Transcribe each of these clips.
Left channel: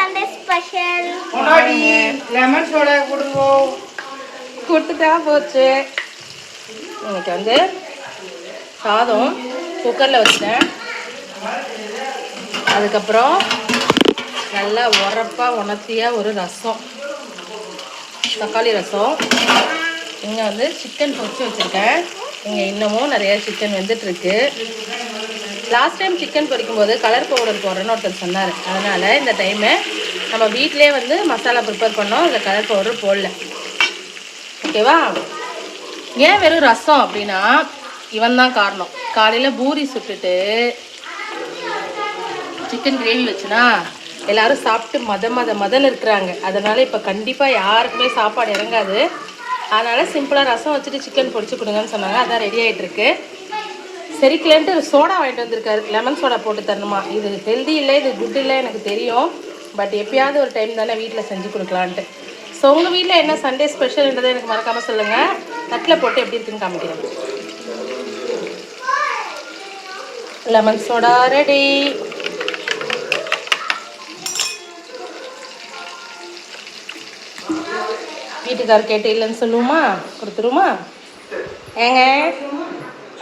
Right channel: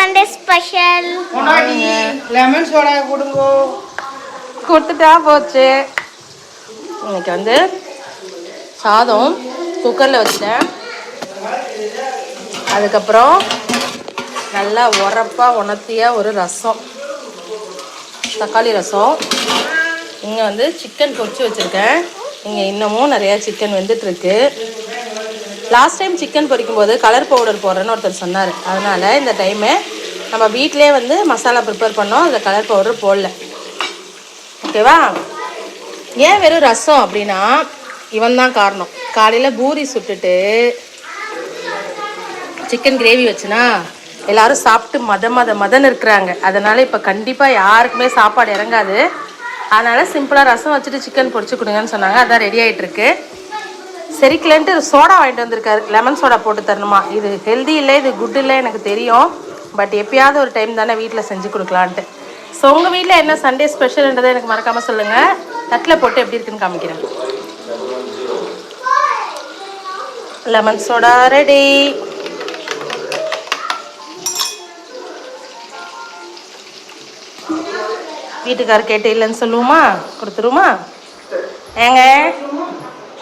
Sunday special lemon soda கொடுங்க. கொடுத்துட்டா போச்சு. இன்னைக்கு வந்து சாதம் குக்கரில் வச்சிட்டேன். அதுக்கப்புறம் நல்லா உரப்பாக உணர்த்தியாக ஒரு ரசம், தக்காளி ரசம். இங்கே வந்து சிக்கன் பொரிச்சு வச்சுருக்கேன். இங்கே இன்னமும் நிறையா சிக்கன் வெந்துட்டுருக்கு. லாஸ்ட் டைம் சிக்கன் பொரிக்கும் போது கலர் பவுடர் போடுறேன்னு ஒருத்தர் சொன்னார். அதனால் இந்த டைமு நம்ம வீட்டிலே வந்து மசாலா ப்ரிப்பேர் பண்ணோம். அதில் கலர் பவுடர் போடல. ஓகேவா? ஏன் வெறும் ரசம் அப்படின்னா இவன் தான் காரணம். காலையில் பூரி சுட்டுட்டு சிக்கன் கிரேவி வச்சுனா எல்லோரும் சாப்பிட்டு மதன்னு இருக்கிறாங்க. அதனால் இப்போ கண்டிப்பாக யாருக்குமே சாப்பாடு இறங்காது. அதனால் சிம்பிளாக ரசம் வச்சுட்டு சிக்கன் பொரிச்சு கொடுங்கன்னு சொன்னாங்க. அதான் ரெடி ஆகிட்டுருக்கு. சரிக்கலன்ட்டு சோடா வாங்கிட்டு வந்திருக்காரு. லெமன் சோடா போட்டு தரணுமா. இது ஹெல்தி இல்லை, இது குட் இல்லை எனக்கு தெரியும். பட் எப்பயாவது ஒரு டைம் தானே வீட்டில் செஞ்சு கொடுக்கலான்ட்டு. ஸோ உங்கள் வீட்டில் என்ன சண்டே ஸ்பெஷல்ன்றதை எனக்கு மறக்காமல் சொல்லுங்கள். தட்டில் போட்டு எப்படி இருக்குன்னு காமிக்கிறேன். Lemon soda ready. வீட்டுக்கார் கேட்டு இல்லைன்னு சொல்லுவோமா? கொடுத்துருமா? ஏங்க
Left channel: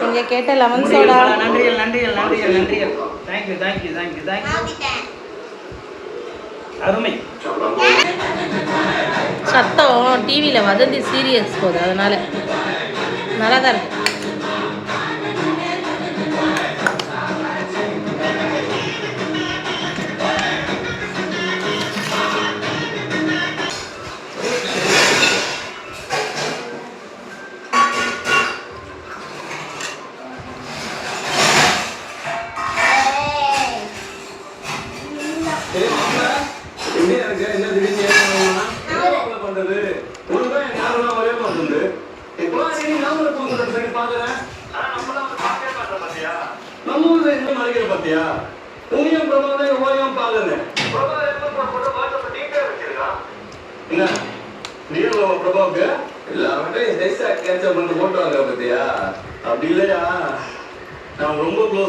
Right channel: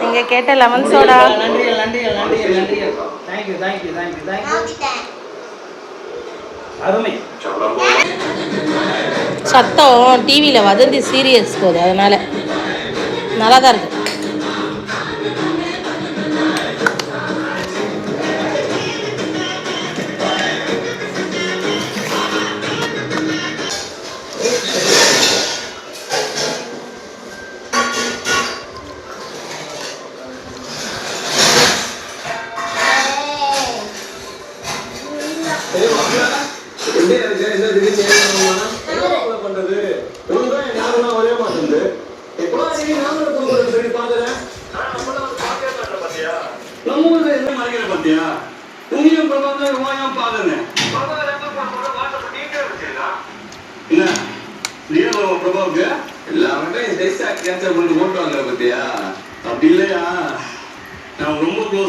நீங்க கேட்ட லெமன் சோடா. சத்தம் டிவியில் வதந்தி சீரியல்ஸ் போகுது, அதனால நல்லா தான் இருக்கு. எல்லாமே போட்டோ வாங்குற பத்தியா? அப்படி இல்லையா? நான் ரொம்ப க்ளோஸ்.